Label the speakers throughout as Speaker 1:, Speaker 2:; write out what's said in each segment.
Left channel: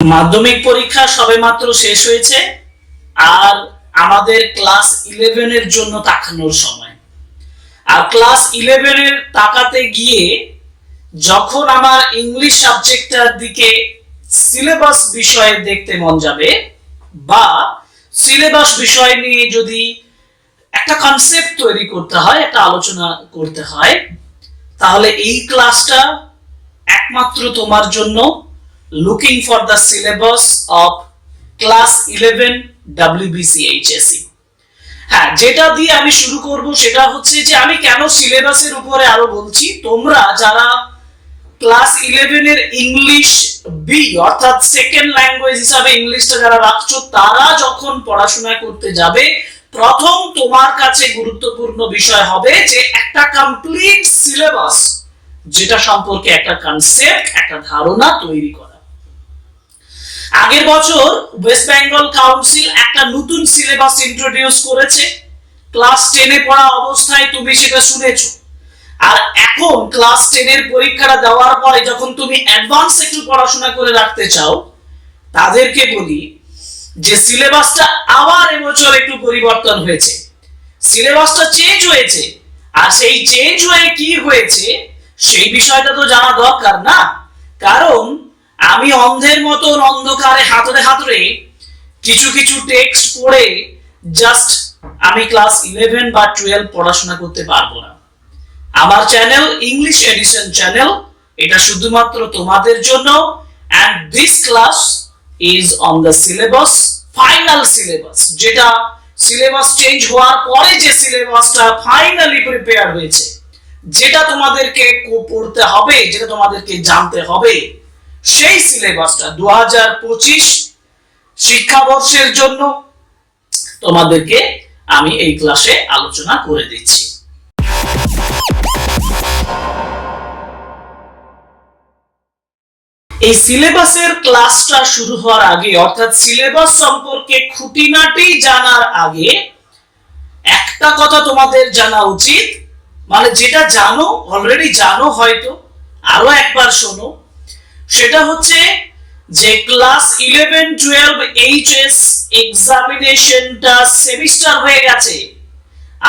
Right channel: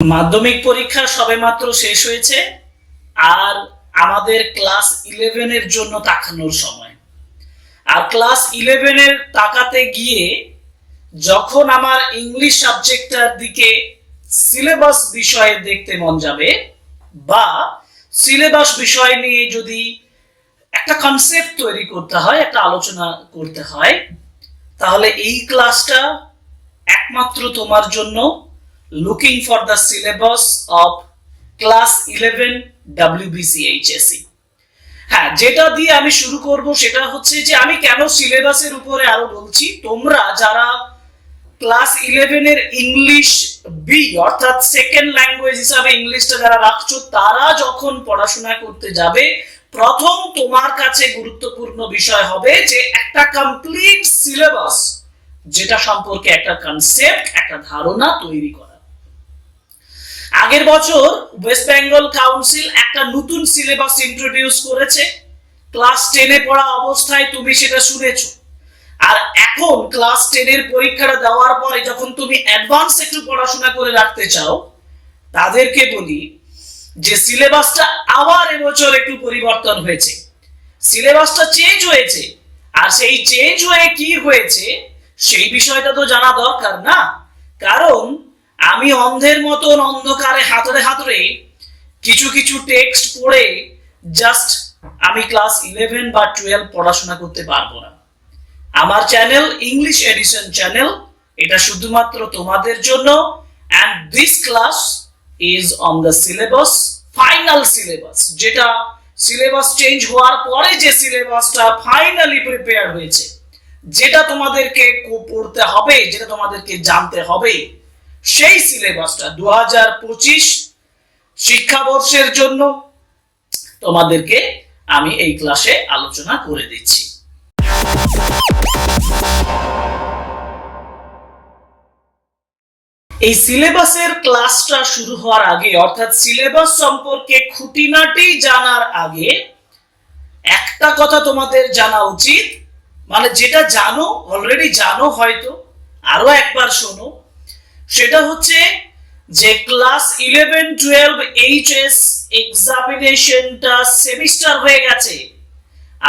Speaker 1: মাধ্যমিক পরীক্ষা সবেমাত্র শেষ হয়েছে আর আমাদের ক্লাস ইলেভেনের জন্য তাকানোর সময়। আর ক্লাস ইলেভেনের তাকাতে গিয়ে যখন আমার ইংলিশ সাবজেক্টটার দিকে সিলেবাস বিষয়ে দেখতে মন যাবে বা সিলেবাস বিষয় নিয়ে যদি একটা কনসেপ্ট তৈরি করতে হয়, একটা আলোচনা করতে হয়, তাহলে এই ক্লাসটা একমাত্র তোমার জন্য looking for the syllabus of class eleven WBCHSE হ্যাঁ যেটা দিয়ে আমি শুরু করব সেটা হচ্ছে যে আমি কেন সিলেবাসের উপরে আরও বলছি, তোমরা যারা ক্লাস ইলেভেনের ইংলিশ বি অর্থাৎ সেকেন্ড ল্যাঙ্গুয়েজ হিসাবে ইংলিশটা যারা রাখছো, তারা যখন পড়াশোনা করতে যাবে, প্রথম তোমার কাছে গুরুত্বপূর্ণ বিষয় হবে যে একটা কমপ্লিট সিলেবাস যেটা সম্পর্কে একটা কনসেপ্ট একটা ধারণা তৈরি করা। আগের বছর ওয়েস্ট বেঙ্গল কাউন্সিল একটা নতুন সিলেবাস ইন্ট্রোডিউস করেছে। ক্লাস টেনে পড়া অবস্থায় তুমি সেটা শুনেছ। আর এখন ক্লাস টেনের পরীক্ষাটা দেওয়ার পরে যখন তুমি অ্যাডভান্স একটু পড়াশোনা করে রাখতে চাও, তাদেরকে বলি যে সিলেবাসটা আবার এবছর একটু পরিবর্তন হয়েছে। সিলেবাসটা চেঞ্জ হয়েছে। আর সেই চেঞ্জ হয়ে কি হয়েছে, সেই বিষয়টা তো জানা দরকার না। কারণ আমি অন্ধের মতন অন্ধকারে হাতড়ে হাতড়ে কিছু কিছু টেক্সট পড়ে জাস্ট আমি ক্লাস ইলেভেন বা টুয়েলভ পড়াশোনা করতে পারব না। আমার চ্যানেল ইংলিশ এডিশন চ্যানেল এটা শুধুমাত্র তোমাদের জন্য। And this class is on the syllabus final syllabus যেটা সিলেবাস চেঞ্জ হওয়ার পরে যে সিলেবাসটা ফাইনালি প্রিপেয়ার হয়েছে, যেটা তোমাদেরকে পড়তে হবে, যেটা তোমাদেরকে জানতে হবে। সেই সিলেবাসটা দু হাজার পঁচিশ শিক্ষাবর্ষের জন্য তোমাদেরকে আমি এই ক্লাসে আলোচনা করে দিচ্ছি। এই সিলেবাসের ক্লাসটা শুরু হওয়ার আগে, অর্থাৎ সিলেবাস সম্পর্কে খুঁটিনাটি জানার আগে, একটা কথা তোমাদের জানা উচিত। মানে যেটা জানো অলরেডি জানো হয়তো, আরও একবার শোনো। সেটা হচ্ছে যে ক্লাস ইলেভেন টুয়েলভ এইচএস এক্সামিনেশনটা সেমিস্টার হয়ে গেছে।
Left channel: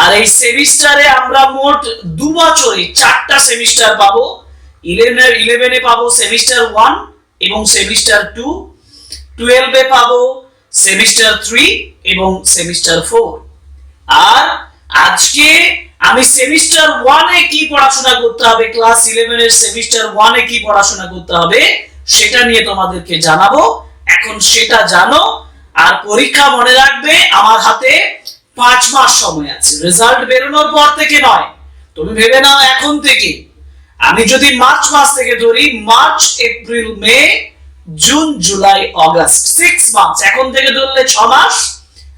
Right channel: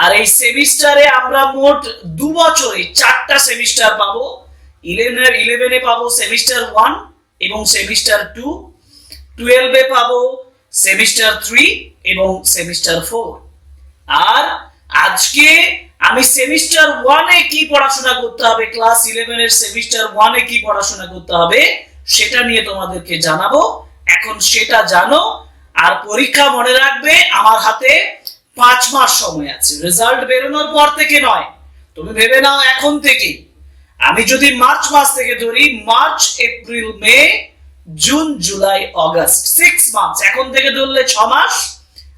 Speaker 1: আর এই সেমিস্টারে আমরা মোট দু বছরে চারটা সেমিস্টার পাবো। ইলেভেন ইলেভেনে পাবো সেমিস্টার ওয়ান এবং সেমিস্টার টু টুয়েলভে পাবো সেমিস্টার থ্রি এবং সেমিস্টার ফোর আর আজকে আমি সেমিস্টার ওয়ানে কি পড়াশোনা করতে হবে? ক্লাস ইলেভেনের সেমিস্টার ওয়ানে কি পড়াশোনা করতে হবে? সেটা নিয়ে তোমাদেরকে জানাব। এখন সেটা জানো আর পরীক্ষা মনে রাখবে, আমার হাতে পাঁচ মাস সময় আছে। রেজাল্ট বেরোনোর পর থেকে নয়। তুমি ভেবে নাও এখন থেকে। আমি যদি মার্চ মাস থেকে ধরি, March, April, May, June, July, August six months এখন থেকে ধরলে ছ মাস।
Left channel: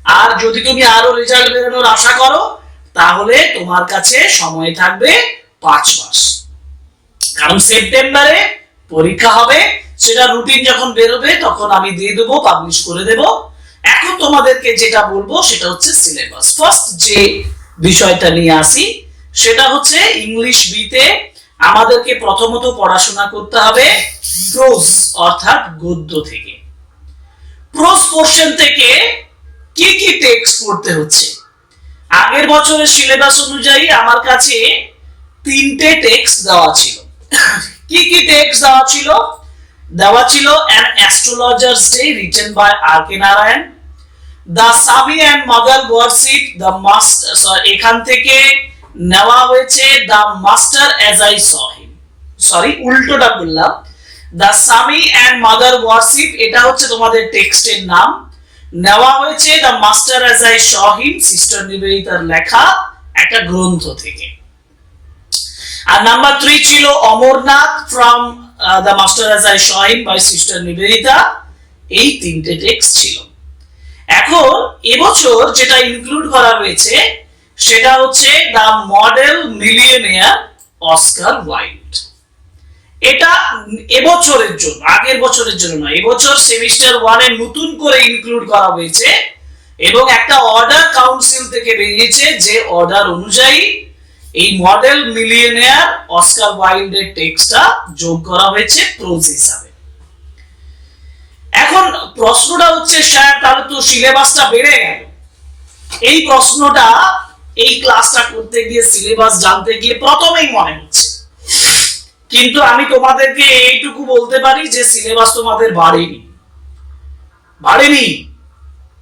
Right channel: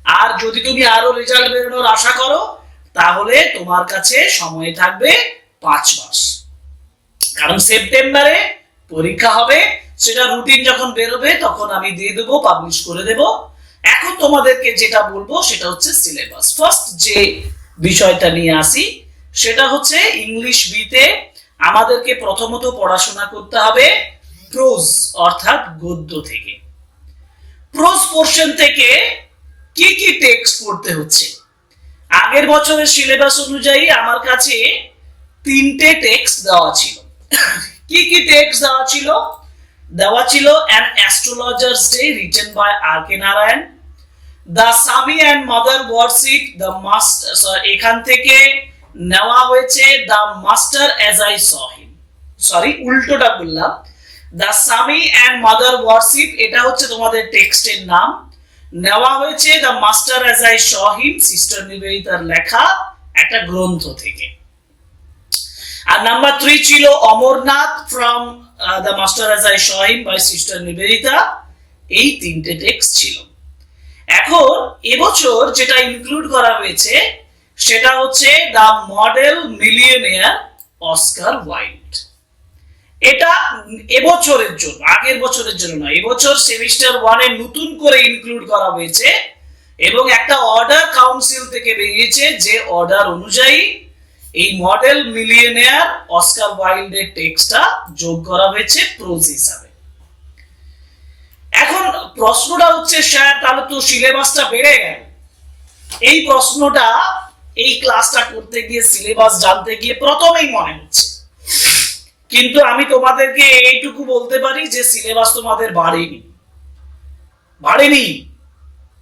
Speaker 1: আর যদি তুমি আরও রেজাল্ট বেরোনোর আশা করো তাহলে তোমার কাছে সময় থাকবে পাঁচ মাস। কারণ সেপ্টেম্বরে পরীক্ষা হবে, সেটা রুটিন যখন বেরোবে, তখন আমি দিয়ে দেবো পাবলিশ করে দেব। এখন তোমাদেরকে যেটা বলব, সেটা হচ্ছে সিলেবাস ফার্স্ট যে বিষয়টা নিয়ে আসি, সেটা হচ্ছে ইংলিশ বিতে আমাদেরকে প্রথমত পড়াশোনা করতে হবে প্রোজ অর্থাৎ গদ্য থেকে। প্রোজ পোর্শন থেকে কি কি টেক্সট পড়তে হচ্ছে? আগের বছরের সিলেবাস অনুযায়ী আমার কাছে তিনটে টেক্সট দেওয়া ছিল। কি কি টেক্সট দেওয়া ছিল? দেওয়া ছিল an astrologer's day written by R K Narayan the Swami and mother worship the master এখান থেকে নেওয়া হয়েছে the master as I saw him sorry উল্টোটা বললাম। The Swami and mother worship এটা হচ্ছে তোমাদের টেক্সটের নাম। নেওয়া হয়েছে the master as I saw him sister নিবেদিতার লেখা একটা গ্রন্থ থেকে। আর নাম্বার থ্রি ছিল Amarnath from the master as I saw him by sister Nivedita এই তিনটে টেক্সট ছিল। এখন এবছর যেটা ইনক্লুড করা হয়েছে, সেটা হচ্ছে the model millionaire Oscar Wilde এটা এবছরের জন্য, আগের বছরের জন্য নয়, এবছর সেমিস্টার ওয়ানে নতুন করে ইনক্লুড করা হয়েছে এবং একটা অর্ডার কাউন্সিল থেকে বেরিয়েছে যে অর্ডার অনুযায়ী এই মডেল মিলিয়নিয়ার অস্কার ওয়াইল্ডের টেক্সটটা যোগ করা হয়েছে প্রোজ হিসাবে। এখন প্রশ্নটা হচ্ছে, স্যার, তাহলে তো সিলেবাসটা বেড়ে গেল। এই প্রশ্নটা এই ক্লাসটা করতে গিয়ে সিলেবাস জানতে গিয়ে প্রথমেই মনে হচ্ছে। কিন্তু আমি তোমাদেরকে এইটুকু বলতে পারি যে সিলেবাস তোমাদের বাড়েনি। বাড়েনি?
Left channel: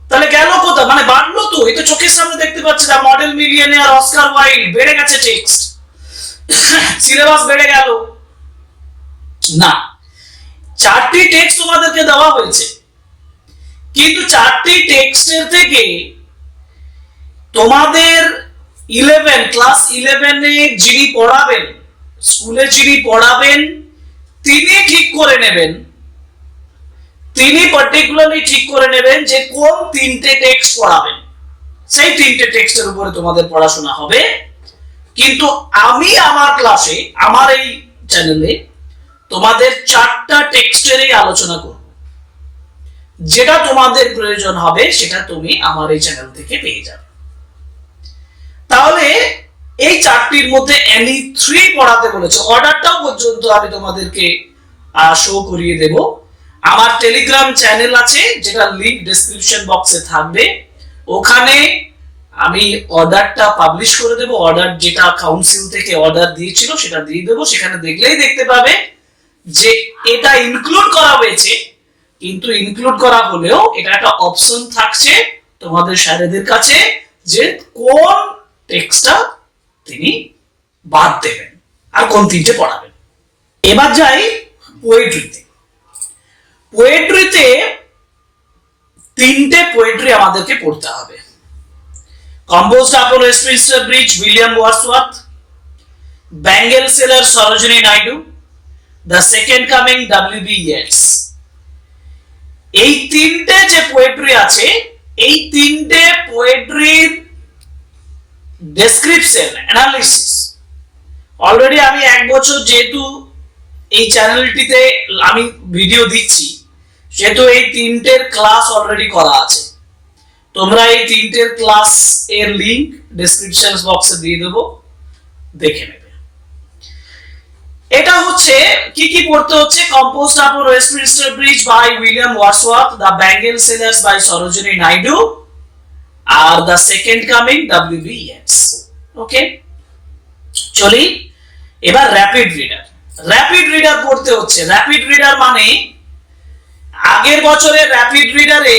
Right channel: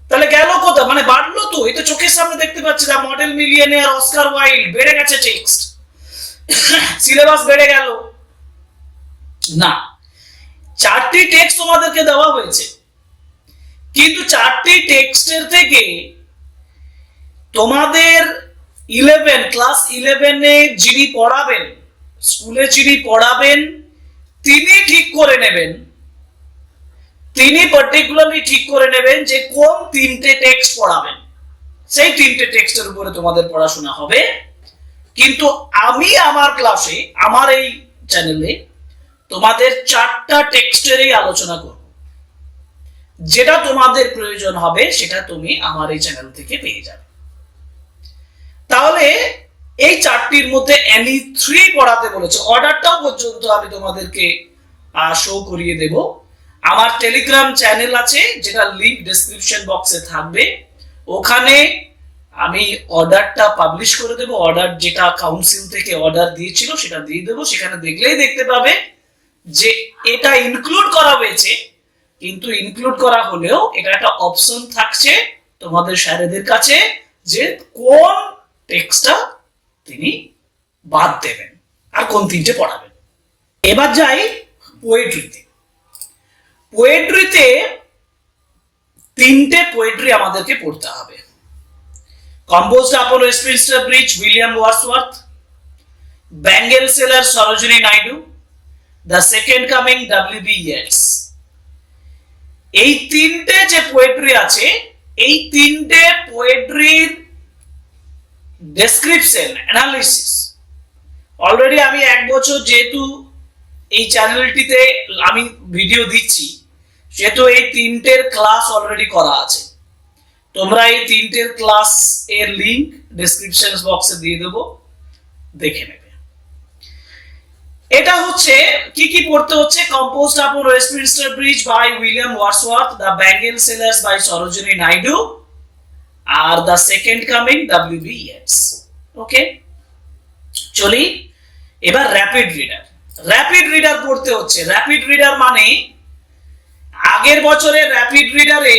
Speaker 1: তাহলে গেল কোথা মানে বাড়লো তো, এই তো চোখের সামনে দেখতে পাচ্ছি না। মডেল মিলিয়নিয়ার অস্কার ওয়াইল্ড বেড়ে গেছে টেক্সট সিলেবাস বেড়ে গেল। না, চারটি টেক্সট তোমাদেরকে দেওয়া হয়েছে। কিন্তু চারটি টেক্সটের থেকে তোমাদের ইলেভেন ক্লাস ইলেভেনে যিনি পড়াবেন স্কুলে যিনি পড়াবেন, তিনি ঠিক করে নেবেন। তিনি পার্টিকুলারলি ঠিক করে নেবেন যে কোন তিনটে টেক্সট পড়াবেন। সেই তিনটে টেক্সটের উপরে তোমাদের পড়াশোনা হবে। কিন্তু আমি আমার ক্লাসে আমার এই চ্যানেলে তোমাদের চারটা টেক্সটেরই আলোচনা করব। যেটা তোমাদের প্রয়োজন হবে, সেটা তুমি আমার এই চ্যানেল থেকে পেয়ে যাবে। তাহলে এই চারটির মধ্যে এনি থ্রি পড়াতে বলেছে। অর্ডারটাও পর্যন্ত আমি তোমাদেরকে শো করিয়ে দেব। আমার টেলিগ্রাম চ্যানেল আছে, যেটা লিংক ডেসক্রিপশন বক্সে থাকবে। ওখানে আমি অর্ডারটা পাবলিশ করে দেব। অর্ডার যেটা কাউন্সিল থেকে অর্ডার দিয়েছিল, সেটা দিয়ে দেবো। সেখানে দেখলেই দেখতে পাবে যে এটা ইনক্লুড করা হয়েছে, কিন্তু ইনক্লুড করা হলেও এটা একটা অপশন থাকছে তোমাদের স্যারেদের কাছে যে কোন টেক্সটটা তিনি বাদ দেবেন আর কোন তিনটে পড়াবেন। এবার যাই পোয়েট্রিতে পোয়েট্রিতে তিনটে পোয়েট্রি আমাদেরকে পড়তে হবে। Composed upon Westminster bridge William Wordsworth bangle seller Sarojini Naidu the second coming W B Yeats এই তিনটে যে পোয়েট্রি আছে, এই তিনটে পোয়েট্রির ডেসক্রিপশন অ্যানালিসিস অলরেডি আমি এক বছর যেহেতু এই চ্যানেলটিতে আমি ভিডিও দিচ্ছি, সেহেতু এই তিনটের ক্লাস অলরেডি করা আছে। তোমরা এই তিনটের ক্লাস এর লিংক ডেসক্রিপশন বক্সে দিয়ে দেবো, দেখে নেবে। এটা হচ্ছে কি কি পড়তে হচ্ছে? Composed upon Westminster bridge by William Wordsworth the bangle sellers by Sarojini Naidu R the second coming W B S okay চলি, এবার র্যাপিড রিডার র্যাপিড রিডার পড়তে হচ্ছে। র্যাপিড রিডার মানে আগের বছরের র্যাপিড রিডারে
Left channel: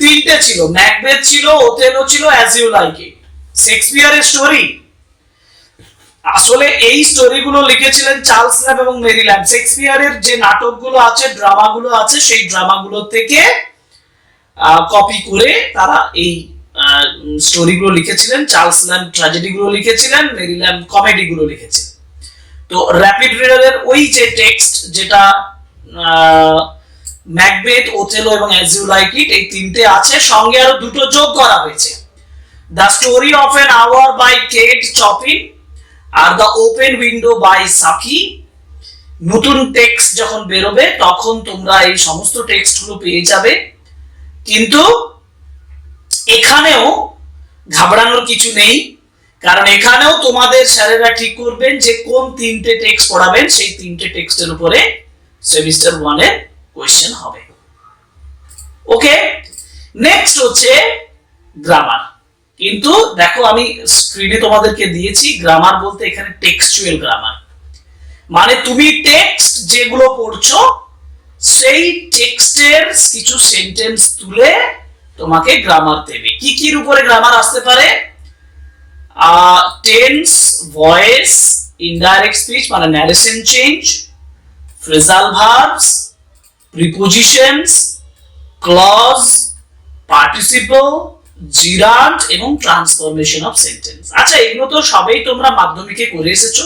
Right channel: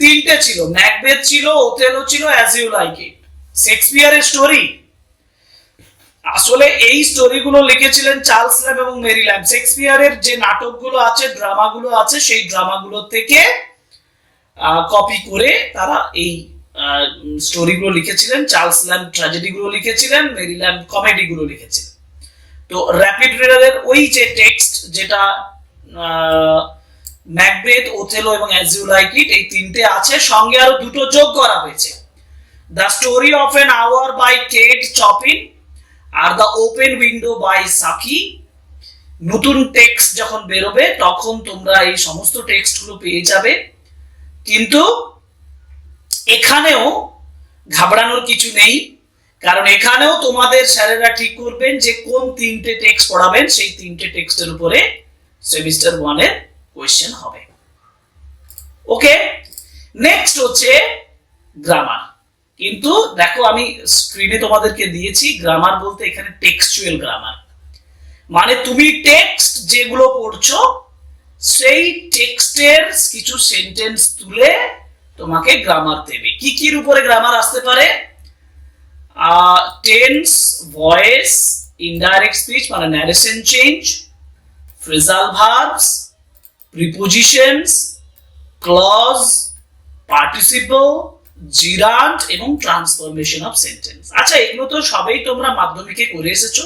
Speaker 1: তিনটে ছিল। ম্যাকবেথ ছিল ওথেলো ছিল অ্যাজ ইউ লাইক ইট শেক্সপিয়ারের স্টোরি আসলে এই স্টোরিগুলো লিখেছিলেন চার্লস ল্যাব এবং মেরি ল্যাব শেক্সপিয়ারের যে নাটকগুলো আছে ড্রামাগুলো আছে, সেই ড্রামাগুলো থেকে কপি করে তারা এই স্টোরিগুলো লিখেছিলেন চার্লস ল্যাব ট্র্যাজেডিগুলো লিখেছিলেন মেরি ল্যাব কমেডিগুলো লিখেছিলেন। তো র্যাপিড রিডারের ওই যে টেক্সট যেটা ম্যাকবেথ ওথেলো এবং অ্যাজ ইউ লাইক ইট এই তিনটে আছে, সঙ্গে আরও দুটো যোগ করা হয়েছে। The story of an hour by Kate Chopin R the open window by Saki নতুন টেক্সট যখন বেরোবে, তখন তোমরা এই সমস্ত টেক্সটগুলো পেয়ে যাবে। কিন্তু এখানেও ঘাবড়ানোর কিছু নেই, কারণ এখানেও তোমাদের স্যারেরা ঠিক করবেন যে কোন তিনটে টেক্সট পড়াবেন, সেই তিনটে টেক্সটের উপরে সেমিস্টার ওয়ানের কোয়েশ্চেন হবে। ওকে নেক্সট হচ্ছে গ্রামার কিন্তু দেখো আমি স্ক্রিনে তোমাদেরকে দিয়েছি গ্রামার বলতে এখানে টেক্সচুয়াল গ্রামার মানে তুমি টেক্সট যেগুলো পড়ছো সেই টেক্সটের কিছু সেন্টেন্স তুলে তোমাকে গ্রামার দেবে। কি কির উপরে গ্রামার আসতে পারে? টেন্স ভয়েস ইনডাইরেক্ট স্পিচ মানে narration change phrasal verbs prepositions clause participle gerund এবং ট্রান্সফরমেশন অফ সেন্টেন্স আচ্ছা এগুলো তো সবাই তোমরা মাধ্যমিকে করে এসেছ।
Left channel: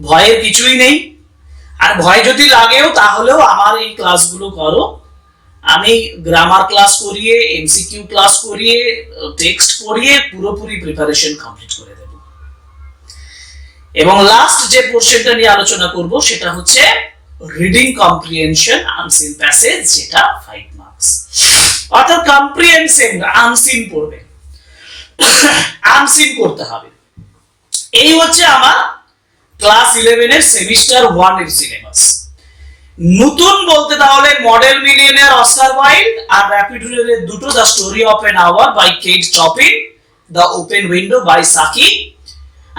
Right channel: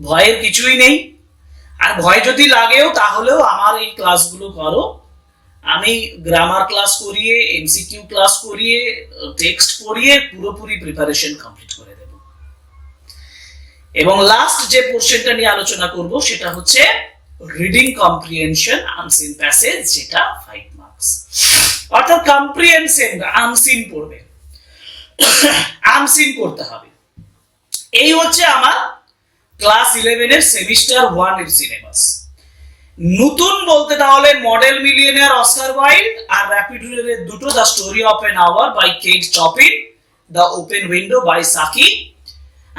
Speaker 1: ভয়ের কিছুই নেই। আর ভয় যদি লাগেও, তাহলেও আমার এই ক্লাসগুলো করো। আমি গ্রামার ক্লাস করিয়ে এমসিকিউ ক্লাস করিয়ে টেক্সট পড়িয়ে পুরোপুরি প্রিপারেশন কমপ্লিট করে দেব। এবং লাস্ট যে পোর্শনটা নিয়ে আলোচনা করব, সেটা হচ্ছে রিডিং কম্প্রিহেনশন আনসিন প্যাসেজ যেটা ফাইভ মার্কস অর্থাৎ কম্প্রিহেনশন আনসিন পড়বে। আনসিন করতে হবে। এই হচ্ছে আমার ক্লাস ইলেভেনের সেমিস্টার ওয়ানের সিলেবাস। নতুন বলতে তাহলে মডেল মিলিয়নিয়ার অস্কার ওয়াইল্ড আর র্যাপিড রিডারের দুটো the story of an hour by Kate Chopin the open window by Saki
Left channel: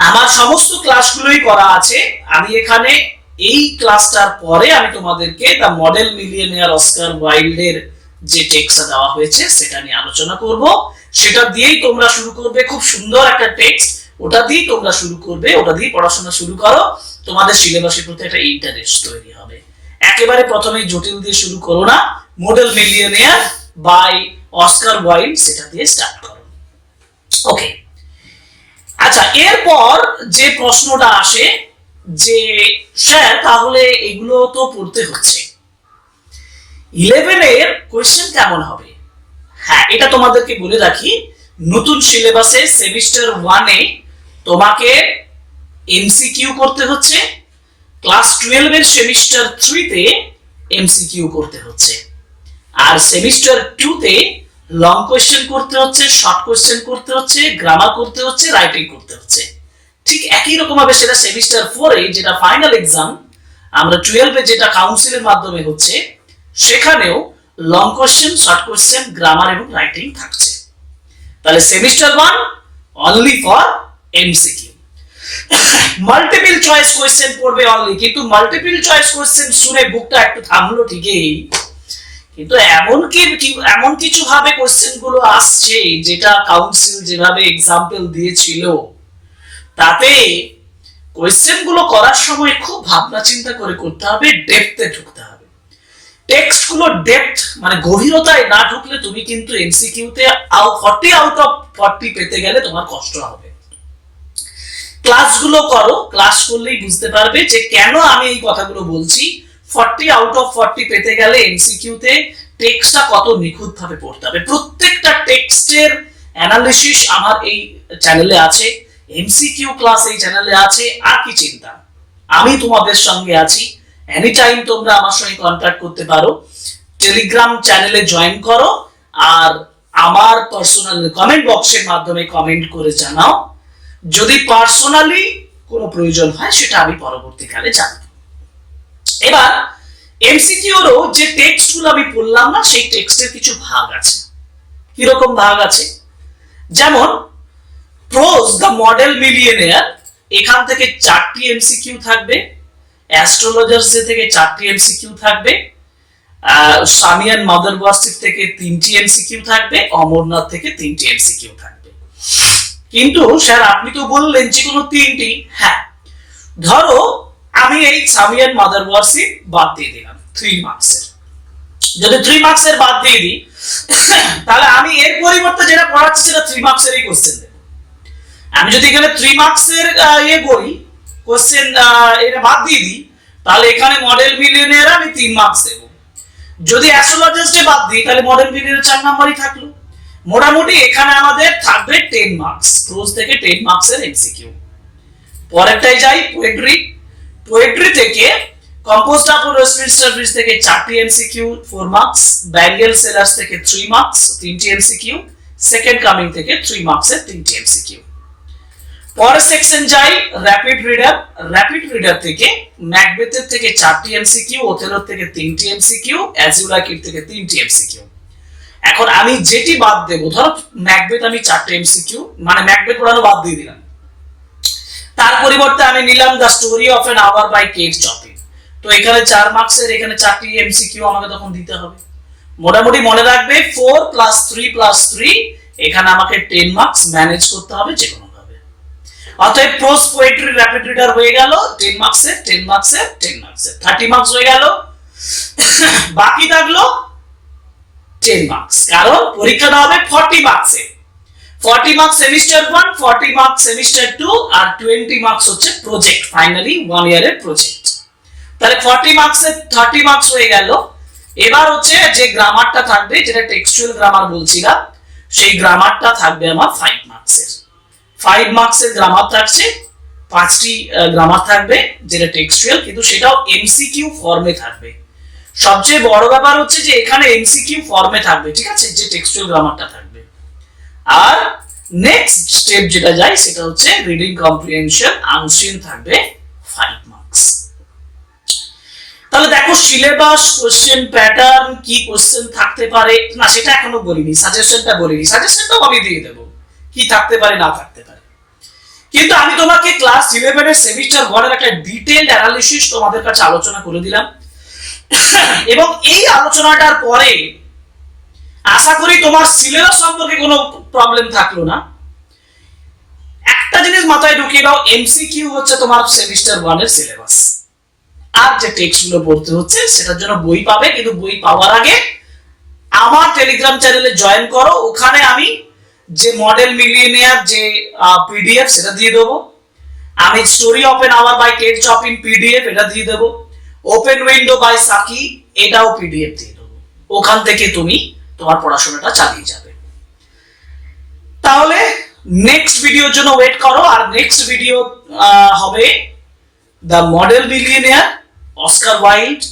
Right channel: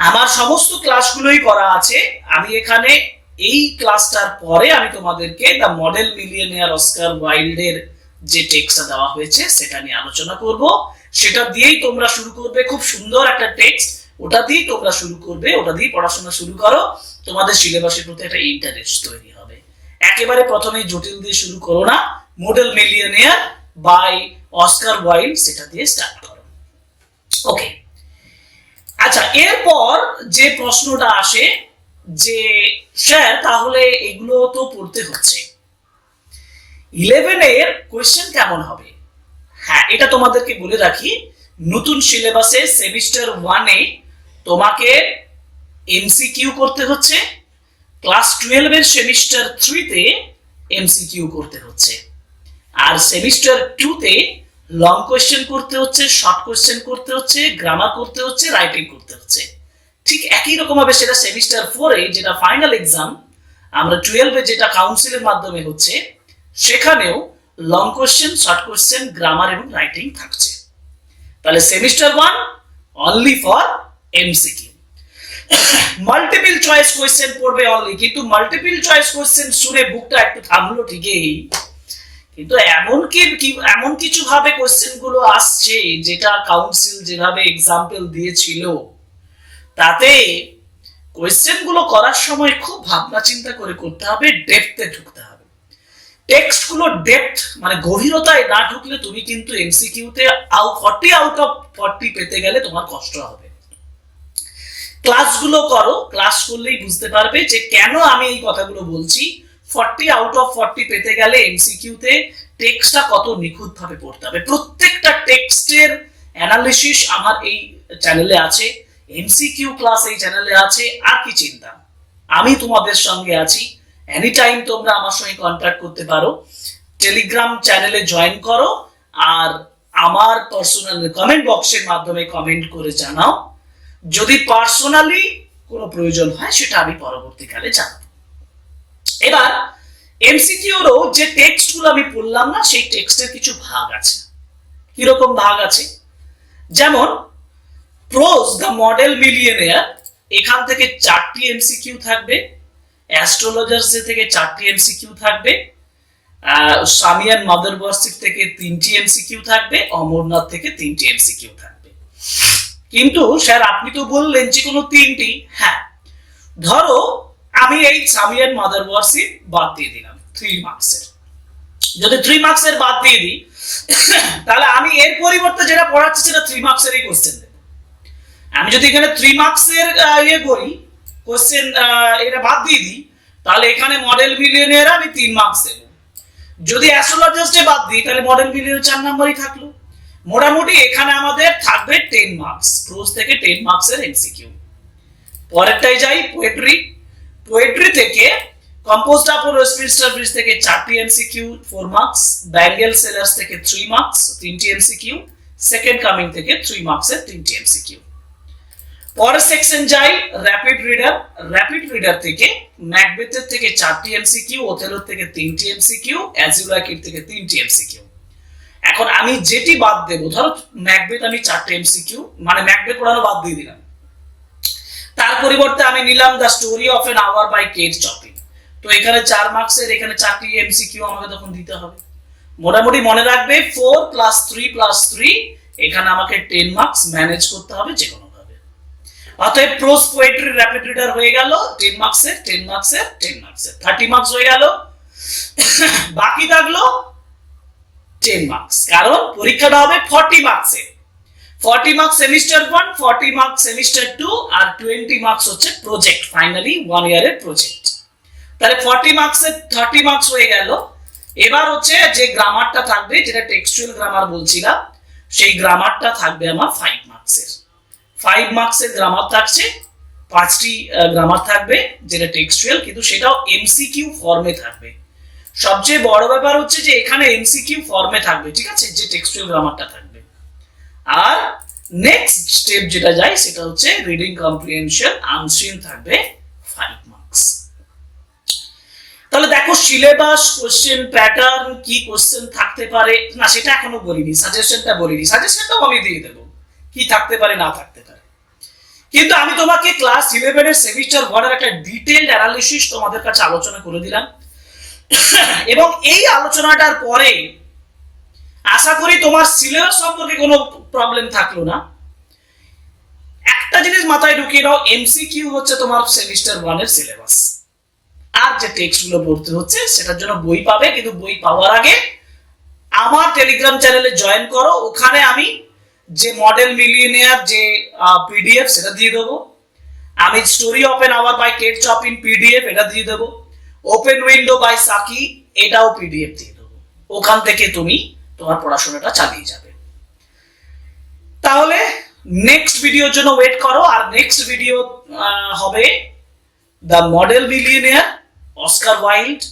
Speaker 1: আমার সমস্ত ক্লাসগুলোই করা আছে। আমি এখানে এই ক্লাসটার পরে আমি তোমাদেরকে দ্য মডেল মিলিয়নিয়ার অস্কার ওয়াইল্ডের যে টেক্সটটা দেওয়া হয়েছে, সেটা নিয়ে আলোচনা করব। সেটা দিয়েই তোমরা শুরু করবে। খুব সুন্দর একটা টেক্সট ওটা দিয়েই তোমরা শুরু করবে, ওটা দিয়ে পড়াশোনা শুরু করো, তোমাদের সিলেবাসের প্রতি একটা ইন্টারেস্ট তৈরি হবে। একেবারে প্রথমে জটিল দিয়ে শুরু করো না model millionaire by Oscar Wilde সেটা দিয়ে স্টার্ট করো। ওকে আচ্ছা এরপর যে প্রশ্নটা আসে যে, স্যার, তাহলে এগুলো তো পড়তে হচ্ছে। ইলেভেনের কোয়েশ্চেন কেমন হবে? হ্যাঁ এটা তোমাদেরকে বলে রাখি, নতুন সিলেবাসে সেমিস্টার ওয়ানে তোমাকে এমসিকিউ করতে হচ্ছে। ক্লাস টুয়েলভের সেমিস্টার থ্রিতে এমসিকিউ করতে হচ্ছে। আর সেমিস্টার টুতে লং কোয়েশ্চেন করতে হচ্ছে, শর্ট কোয়েশ্চেন করতে হচ্ছে, গ্রামার করতে হচ্ছে, রাইটিং করতে হচ্ছে। ঠিক একই রকম ভাবে সেটা সেমিস্টার ফোরে যেটা ফাইনাল এক্সাম, আমরা টুয়েলভে যেটা কাউন্সিলের মাধ্যমে হচ্ছে, সেখানেও long question, short question, grammar এবং রাইটিং থাকছে। তাহলে semester one only for MCQ multiple choice question পড়বে অনলি কিন্তু মাল্টিপল চয়েস কোয়েশ্চেন শুনে বুকটা একটু থামলো ঠিকই। কিন্তু এমন কি এমন কিছু ভাবে কোশ্চেনগুলো আসছে যেটা কাউন্সিল যেভাবে এক্সাম্পল দিয়েছিল, তাতে কোয়েশ্চেনগুলো করার সময় খুব ভাবনা চিন্তা করে করতে হবে ডেপথে ঢুকতে হবে। টেক্সটগুলো ডেপথ মানে গভীরতায় না ঢুকলে তুমি কিন্তু এমসিকিউতে আউ ফর্টি আউট অফ ফর্টি পেতে গেলে তোমার কষ্ট হবে। ক্লাসগুলো করো ক্লাস করলেই বুঝতে পারবে যে কেন আমি এই কথাগুলো বলছি। ফর্টি আউট অফ ফর্টি পেতে গেলে এমসিকিউতে টেক্সটটা কত নিখুঁত ভাবে পড়তে হবে। প্রত্যেকটা টেক্সটের অ্যানালিসিস আমার এই চ্যানেলে আছে এমসিকিউ ক্লাস এই চ্যানেলে আছে, আর কি চিন্তা? আমি তোমাদের সঙ্গে আছি এনি টাইম তোমরা আমার সঙ্গে কন্ট্যাক্ট করতে পারো টেলিগ্রাম চ্যানেলে জয়েন করো, আর আমার পার্সোনাল কমেন্ট বক্সের মাধ্যমে কমেন্ট করে জানাও। যদি পার্সোনালি কোনো প্রয়োজন হয়, সেটা আমি পরবর্তীকালে জানাব। এবার এমসিকিউরও যে টেক্সটগুলো আমি পড়লাম না, সেই টেক্সটের কিছু ভাগ আছে। কীরকম ভাগ আছে? যেমন প্রোজ দ্য মডেল মিলিয়নিয়ার এখান থেকে চারটি এমসিকিউ থাকবে অ্যাস্ট্রোলজার্স থেকে চারটি এমসিকিউ থাকবে সামিয়ান মাদার থেকে তিনটি এমসিকিউ থাকবে, অমরনাথ থেকে তিনটি এমসিকিউ থাকবে। কিন্তু স্যার, আপনি তো বললেন যে কোনো তিনটি। হ্যাঁ। ধরো, আমি এই সামিয়ান মাদার ওয়ার্সিপ বাদ দিয়ে দিলাম থ্রি মার্কসের যদি থ্রি মার্কসের বাদ দিয়ে দিই, তাহলে আমি এর পরিবর্তে যেটা পড়াচ্ছি সেটা থ্রি মার্কসেরই কোশ্চেন দেবো। আমি যদি এখানে থ্রি মার্কসের ইয়ে করি কোশ্চেন এটা বাদ দিয়ে দিই, তাহলে এখানে মডেল মিলিয়নের আমি তিন মার্কস দেবো। যদি অ্যাস্ট্রোলজিস্টে বাদ দিই, তাহলে মডেল মিলিয়নের চার নাম্বারই থাকল। মোটামুটি এখানে আমাদের থাকবে টেন মার্কস ক্লোজ থেকে টেন মার্কসের এমসিকিউ পরেরটাই যাই পোয়েট্রি পোয়েট্রি থেকে কম্পোজড আপ ওয়েস্টমিনস্টার থেকে চারটি MCQ four marks bangle sellers থেকে থ্রি মার্কস তিনটি এমসিকিউ সেকেন্ড কামিং থেকে থ্রি মার্কসের তিনটি এমসিকিউ পরের সেকশন যাই র্যাপিড রিডার র্যাপিড রিডার থেকে ম্যাকবেথের থেকে চারটি এমসিকিউ ওথেলোর থেকে তিনটি এমসিকিউ অ্যাজুলাকির থেকে তিনটি এমসিকিউ এখন আমি যেটি বাদ দেবো, ধরো ম্যাকবেথ আমি চারটে এমসিকিউ মানে ম্যাকবেথ পড়ানো বাদ দিয়ে দিলাম। তার পরিবর্তে আমি নিলাম the story of an hour by Kate Chopin তো এখানে চার মার্কসের এখানে চারটি এমসিকিউ আমাকে তখন দিতে হবে। মোটামুটি মনে রাখবে four plus three plus three এখানে আমাকে টেন মার্কস ম্যানেজ করতে হবে যে কোনো ভাবে অতএব প্রোস পোয়েট্রি র্যাপিড রিডার হয়ে গেল টেন মার্কসের টেন মার্কসের টেন মার্কসের থার্টি মার্কস হয়ে গেল। বাকি থাকল টেন মার্কস কারণ পরীক্ষাটা হবে forty মার্কসে forty marks semester one forty marks semester two আর টোয়েন্টি মার্কস হচ্ছে প্রজেক্ট ফাইনালি ওয়ান ইয়ারের প্রজেক্ট তাহলে ফর্টি মার্কসের থার্টি মার্কস হয়ে গেল। এবার হচ্ছে যে গ্রামারটা থাকবে, যেটা টেক্সচুয়াল গ্রামার বলছিলাম, সেই গ্রামারটা থাকবে আমার ফাইভ মার্কসের ফাইভ মার্কসের গ্রামার থাকছে, পাঁচটি গ্রামার থাকবে, যেটা টেক্সচুয়াল কিন্তু সেটাও এমসিকিউ ফর্মে থাকবে। সবচেয়ে বড় ব্যাপার হচ্ছে যে এখানে এমসিকিউ ফর্মে থাকবে, ঠিক আছে? যে টেক্সচুয়াল গ্রামারটা থাকবে। আর নেক্সট স্টেপ যেটা যায়, সেটা হচ্ছে রিডিং কম্প্রিহেনশন আনসিন থাকবে ফাইভ মার্কস তাহলে দেখো সিলেবাস কোশ্চেন প্যাটার্ন কি কোশ্চেন থাকতে পারে? না, সেটা এখনও বলিনি সাজেশনটা বলিনি। সাজেশনটাও আমি দিয়ে দেবো, কি থাকতে পারে, না থাকতে পারে। কিন্তু আমি তোমাকে ক্লাস ইলেভেনের সেমিস্টার ওয়ানের একটা ডিটেলড অ্যানালিসিস তোমাদের কাছে আলোচনা করে দিলাম। এবং এই আলোচনাটার পরে আশা করি তোমার সিলেবাস সম্পর্কে কোনো প্রবলেম থাকল না। একটা জিনিস মাথায় ঢুকিয়ে দাও এমসিকিউ হচ্ছে তোমার সেমিস্টার ওয়ানের সিলেবাস আর যে টেক্সটগুলো পড়তে হচ্ছে, সেটার জন্য বই পাবে, কিন্তু বই পাওয়ার আগে আমার টেলিগ্রাম চ্যানেলে জয়েন করো। ওখানে আমি যে মডেল মিলিয়ে নেওয়ার যে পিডিএফ সেটা দিয়ে দেবো। আমি story open hour by Kate Chopin PDF এটা দিয়ে দেবো। ওপেন উইন্ডো বাই সাকি এটাও পিডিএফ দিয়ে দেবো। ওখান থেকে তুমি তোমার পড়াশোনাটা চালিয়ে যাবে। তাহলে নেক্সট ভিডিওর জন্য ওয়েট করো, আর নেক্সট ভিডিও হবে the model millionaire Oscar Wilde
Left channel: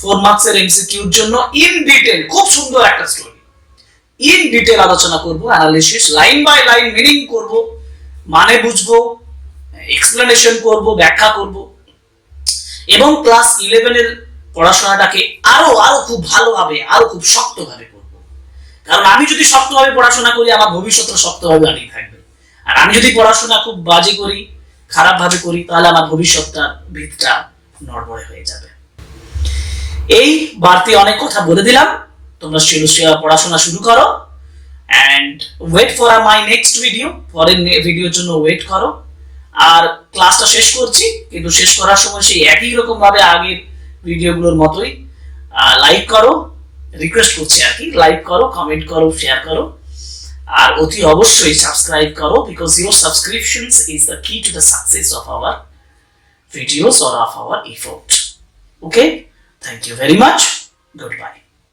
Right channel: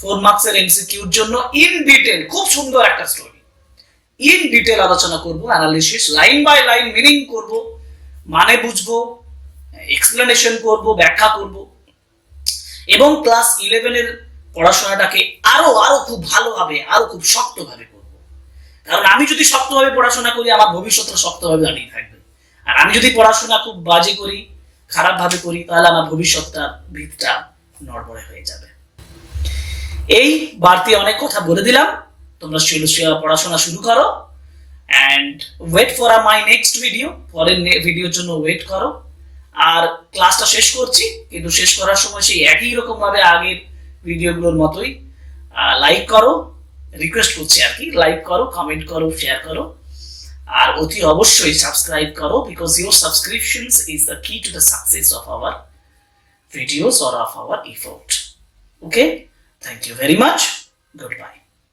Speaker 1: four মার্কসের এমসিকিউর জন্য ইন ডিটেল খুব সুন্দর একটা স্টোরি ইন ডিটেল আলোচনা করব analysis line by line meaning করব মানে বুঝব এক্সপ্লেনেশন করব, ব্যাখ্যা করব। এবং ক্লাস ইলেভেনের পড়াশোনাটাকে আরও আরও খুব ভালোভাবে, আরও খুব শক্তভাবে করব। কারণ আমি যদি শক্তভাবে পড়াশোনা করি, আমার ভবিষ্যৎটা শক্তভাবে দাঁড়িয়ে থাকবে। আর আমি যদি পড়াশোনা খুব বাজে করি খারাপ ভাবে করি, তাহলে আমার ভবিষ্যৎটা, ভিতটা নড়বড়ে হয়ে যাবে। এই বাড়তি অনেক কথা বলে দিলাম। তোমরা শিলুশিয়া পড়াশোনা শুরু করো। And wait for my next video পরের ভিডিওর জন্য ওয়েট করো। আর ক্লাসটা শেষ করছি, কিন্তু শেষ করার সময় সেই একই রকম ভাবে আগের ভিডিওগুলোর মতোই লাইক করো রিকোয়েস্ট করছি আর কি লাইক করো কমেন্ট করো শেয়ার করো, আর অতি অবশ্যই সাবস্ক্রাইব করো because your subscriptions is the key to the success of our videos or of our effort okay thank you very much good bye